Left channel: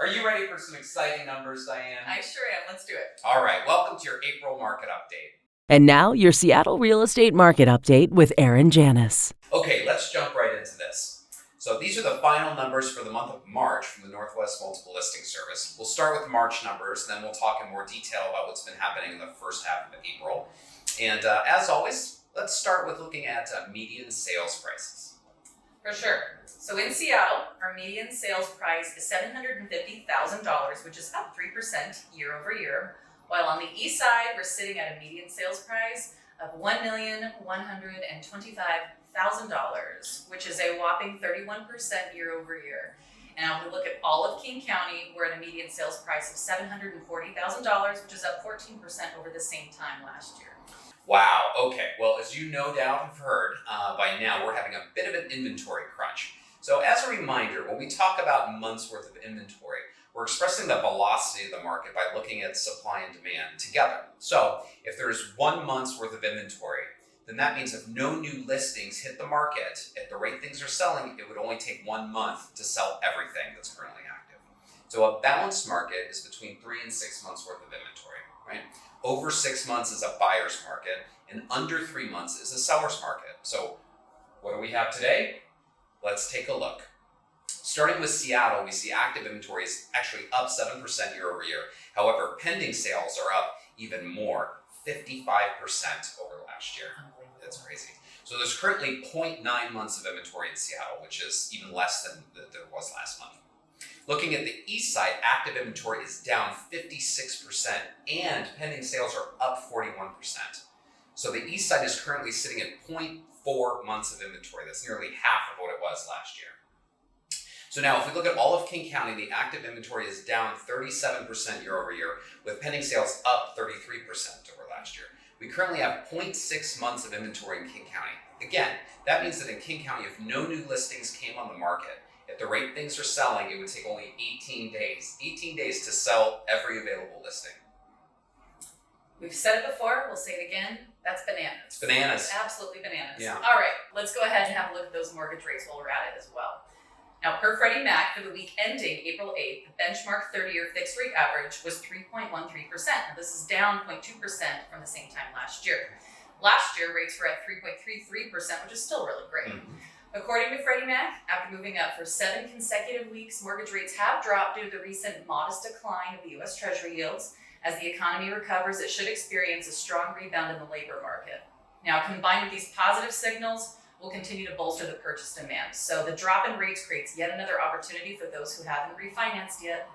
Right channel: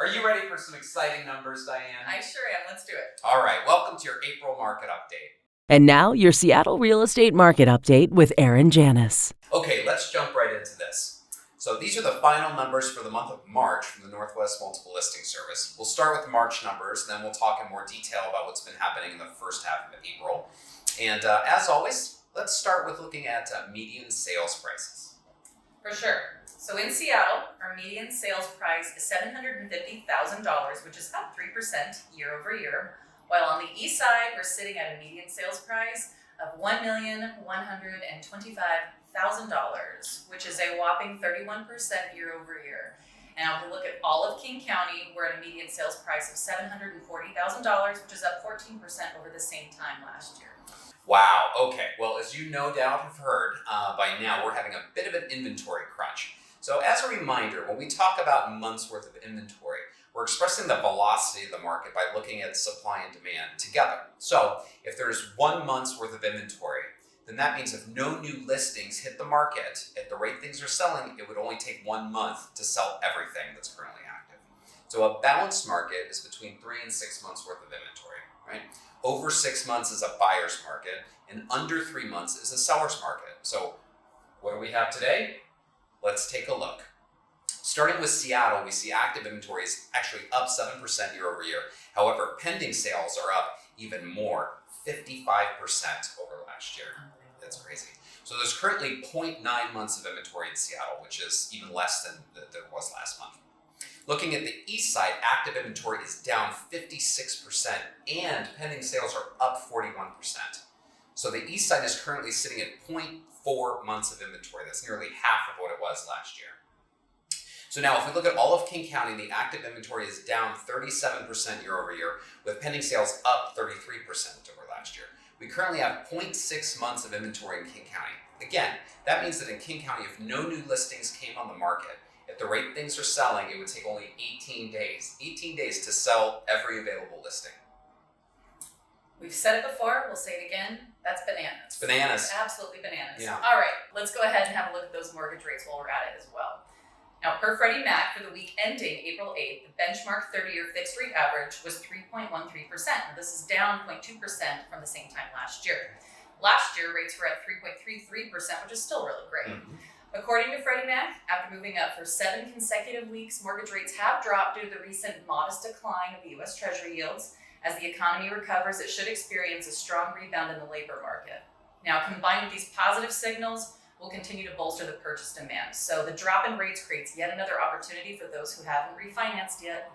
Are you ready for some exciting numbers, Diane? I sure am. Let's do it. All right. Welcome to your April market update. And now, your Seattle real estate market update with Aaron Janus. Okay, let's jump right into this. So these are the final numbers for the month of March from the Northwest Multiple Listing Service. We'll start with March numbers, and then we'll talk in more detail about what's been happening in the first half of April. And as always, let's start with looking at median sales prices. For sure. So in Seattle, our median sales price is $750,000, which is up 3% year over year. While on the east side, we're sitting at a median sales price of $1,125,000, which is a whopping 31% year over year. Now, if we look at all of King County, we're at a median sales price of $740,000, which is up 14% over the same time last year. Wow. Okay. Well, as you no doubt have heard by now, we're having a bit of an inventory crunch. So as a reminder, when we talk about months worth of inventory, we're expressing the velocity of the market by looking at supply and demand together. So if there's 1 month's worth of inventory, then that means if no new listings hit the market at the rate things are selling, it would only take 1 month to sell everything that's currently active. So a balanced market is between 3 and 6 months worth of inventory, right? Over 6 months is a buyer's market, and under 3 months is a seller's market. So what do we have today? Let's take a look. Starting with Seattle, we see active inventory is actually up 7% year over year. However, pending sales are up even more, 55% over last year. That's crazy. So there's currently 0.9 months of inventory in Seattle, which is even less than there was last month. Looking at the east side, active inventory is down 56% and pending sales are up 41%. So the east side is currently sitting at 0.4 months of inventory. That's nearly half of what it was last year. So now if we look at all of King County, the active inventory is down 37% year over year, with pending sales up 33% over last year. We currently have 0.6 months of inventory in King County. Again, that means that in King County, if no new listings came on the market, at the rate things are selling, it would take only 18 days. 18 days to sell every available listing. We've said it before, we'll say it again, that's bananas. It's bananas. It's absolutely bananas. Yeah. All right, let's go ahead and have a look at those mortgage rates while we're at it as well. Now, per Freddie Mac, for the week ending April 8th, the benchmark 30-year fixed rate average was 3.13%. Now, this is down 0.2% from the same time last year. Last year, rates were at 3.33%, which is still really great. Mm-hmm. According to Freddie Mac, after moving up for 7 consecutive weeks, mortgage rates have dropped due to the recent modest decline of the U.S. Treasury yields. As the economy recovers, it should experience a strong rebound in the labor market. Now, combined with these positive signals, will continue to bolster the purchase demand. So the drop in rates creates yet another opportunity for those who haven't refinanced yet.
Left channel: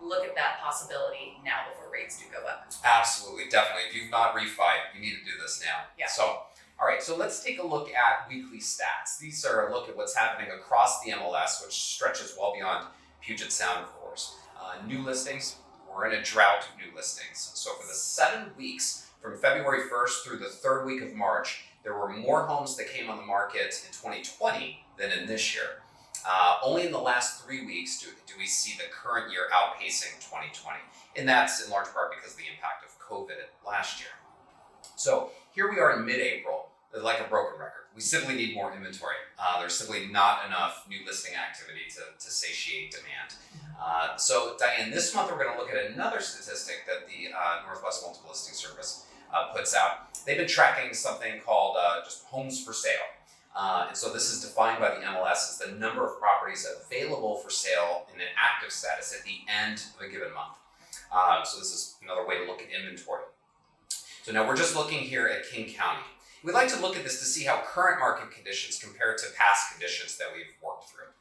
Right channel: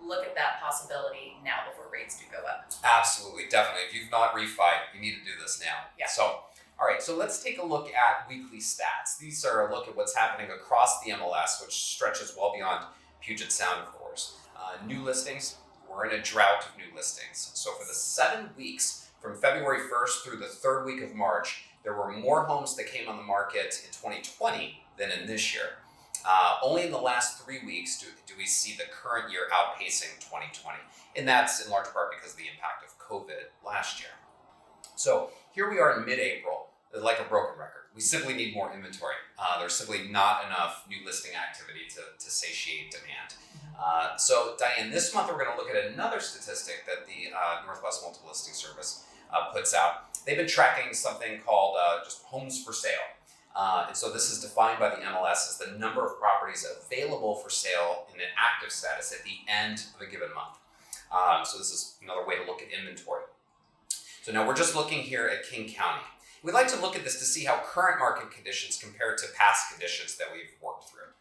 Look at that possibility now before rates do go up. Absolutely, definitely. If you've not refied, you need to do this now. Yeah. So, all right, so let's take a look at weekly stats. These are a look at what's happening across the MLS, which stretches well beyond Puget Sound, of course. New listings, we're in a drought of new listings. So for the 7 weeks from February 1st through the 3rd week of March, there were more homes that came on the market in 2020 than in this year. Only in the last 3 weeks do we see the current year outpacing 2020. And that's in large part because of the impact of COVID last year. So here we are in mid-April, like a broken record. We simply need more inventory. There's simply not enough new listing activity to satiate demand. So Diane, this month we're going to look at another statistic that the Northwest Multiple Listing Service puts out. They've been tracking something called just homes for sale. And so this is defined by the MLS as the number of properties available for sale in an active status at the end of a given month. So this is another way to look at inventory. So now we're just looking here at King County. We'd like to look at this to see how current market conditions compare to past conditions that we've worked through.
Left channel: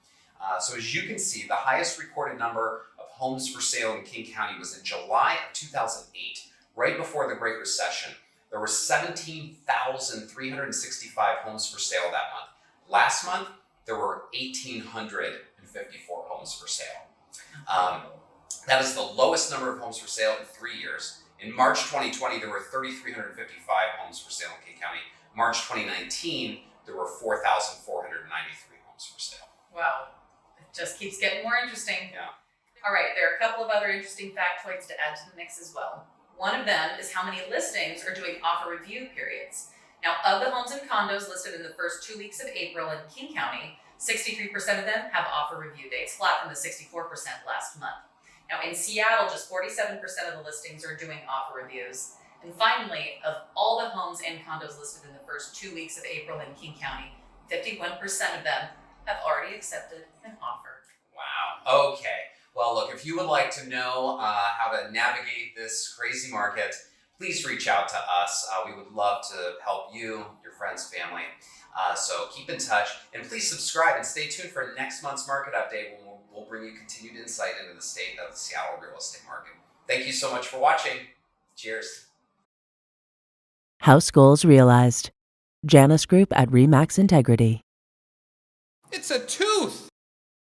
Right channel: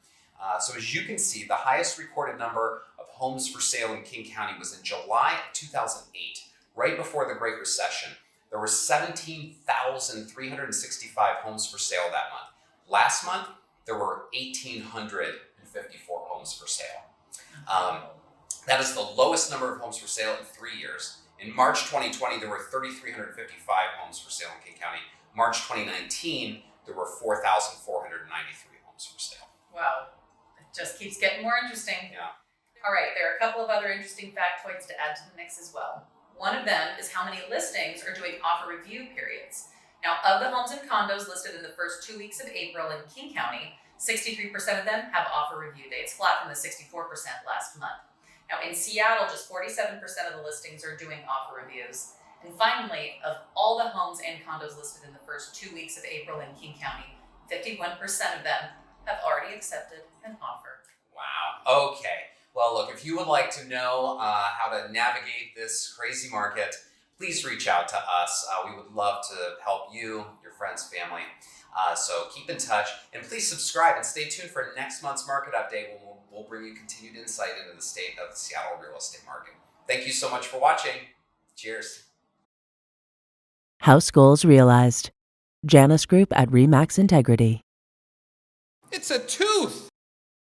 So as you can see, the highest recorded number of homes for sale in King County was in July of 2008, right before the Great Recession. There were 17,365 homes for sale that month. Last month, there were 1,854 homes for sale. That is the lowest number of homes for sale in 3 years. In March 2020, there were 3,355 homes for sale in King County. March 2019, there were 4,493 homes for sale. Wow, it just keeps getting more interesting. Yeah. All right, there are a couple of other interesting factoids to add to the mix as well. One of them is how many listings are doing offer review periods. Now, of the homes and condos listed in the first 2 weeks of April in King County, 63% of them have offer review dates, flat from the 64% last month. In Seattle, just 47% of the listings are doing offer reviews. And finally, of all the homes and condos listed in the first 2 weeks of April in King County, 51% of them have already accepted an offer. Wow. Okay. Well, look, if you would like to know how to navigate this crazy market, please reach out to us. We would love to help you, your friends, family. So keep in touch, and please subscribe and stay tuned for next month's market update when we'll bring you continued insight into the state of the Seattle real estate market. Thank you so much for watching. Cheers. House goals realized. Janus Group at RE/MAX Integrity. It's a tooth!